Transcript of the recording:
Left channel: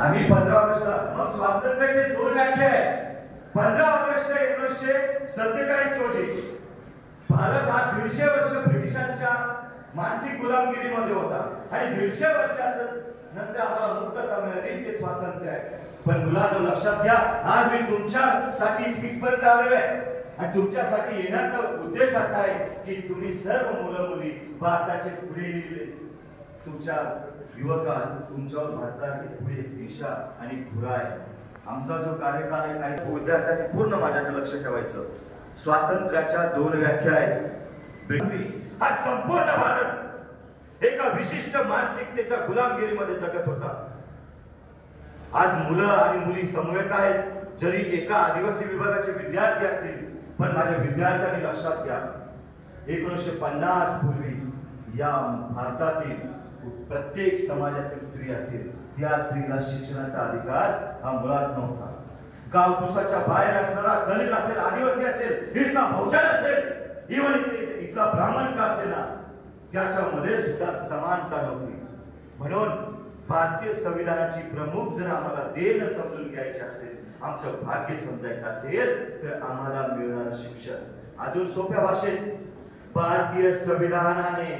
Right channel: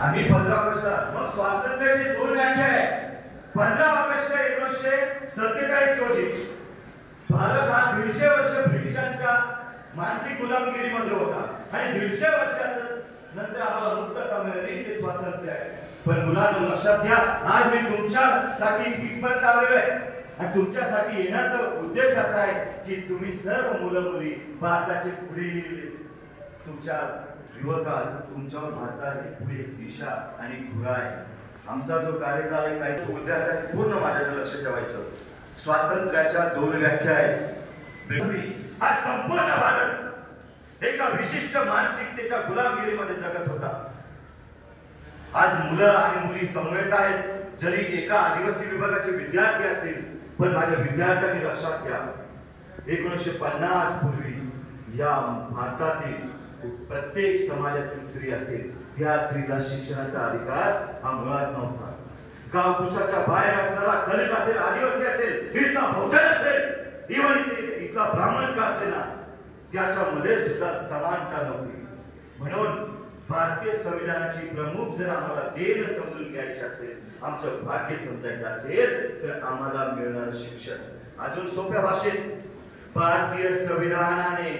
आम्ही 15 ऑगस्टला मग स्वातंत्र्याचे 2 व्याख्या आहेत. 15 ऑगस्ट 1947 रोजी भारत हा 150 वर्ष ब्रिटिशांच्या मानसिक गुलामगिरीमध्ये होता आणि 150 वर्षाचं नंतर आम्हाला मुक्तता मिळाली, ते स्वातंत्र्य आहे. पण मुलांनो लक्षात घ्या, आज मी तुमच्यासाठी इथपर्यंत आलेलो आहे आणि तुमच्यासाठी येण्याचा उद्देश असा आहे की तुम्ही सर्व मुलं मुली भारताचे पुढील तुमच्या युवकांना तुमच्यावर भारताची पुढे दिशा आणि धुरा आहे. आमचा जो कार्यकाल आहे काही विद्यार्थ्यांनी पूर्ण माझ्याकडे लक्ष ठेवायचं. स्वातंत्र्याच्या 2 व्याख्या आहेत. आज संपूर्ण भारत एका विशिष्ट मानसिकतेच्या गुलामगिरीमध्ये जगत होता. आज मुलं आणि मुली समवेत आहेत, जरी एका आदिवासी विभागाचे विद्यार्थी असतील, पण माझ्या विद्यार्थ्यांनी लक्षात घ्या 1950 पूर्वी या भारतातील प्रत्येक समाजातील स्त्री असेल त्या स्त्रीला शिक्षणाचा अधिकार हा मुळात नव्हता. गावकुसाच्या बाहेर असणारा दलित असेल, आदिवासी असेल, इथला भोजन असेल, इव्हन इथला ब्राह्मण का असेल ना, त्याच्यामध्ये सुद्धा समानता नव्हती. म्हणून भारतीय संविधानाची प्रमुख जर आम्हाला देण समजून घ्यायची असेल, आमचं भाग्य समजायचं असेल, तर आम्हाला मिळणारं शिक्षण अजून सोप्या भाषेत भारतीय संविधानाने